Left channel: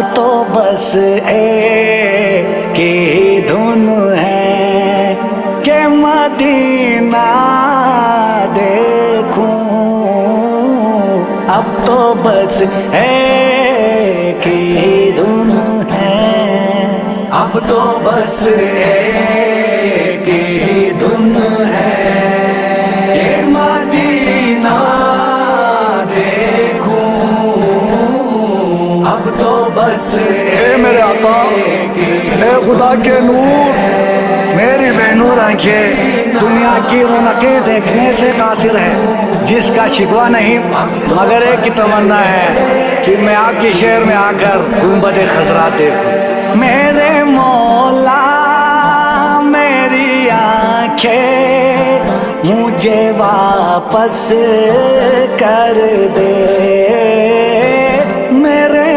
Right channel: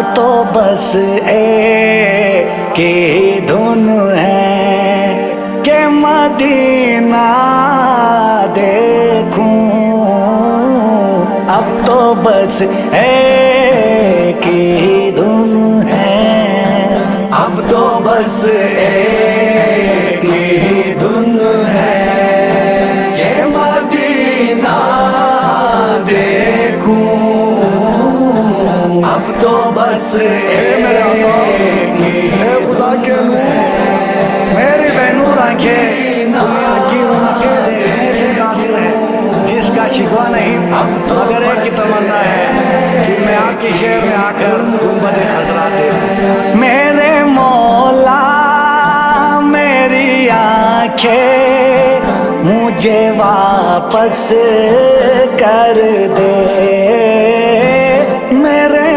اب تو بس ایک ہی دھن ہے کہ مدینہ دیکھوں، اب تو بس ایک ہی دھن ہے، اب تو بس ایک ہی دھن ہے کہ مدینہ دیکھوں، اب تو بس اے میرے آقا، اے خدا کے نور، میری بے نور آنکھیں دنیا کی رونقیں دیکھنے سے قاصر ہے، جس کا شکوہ نہیں مگر ایک کی تمنا ہے کہ میں آپ کی شہر میں آ کر گنبد خضرا دیکھوں۔ میرے مولا میری آنکھیں مجھے واپس کر دے، میرے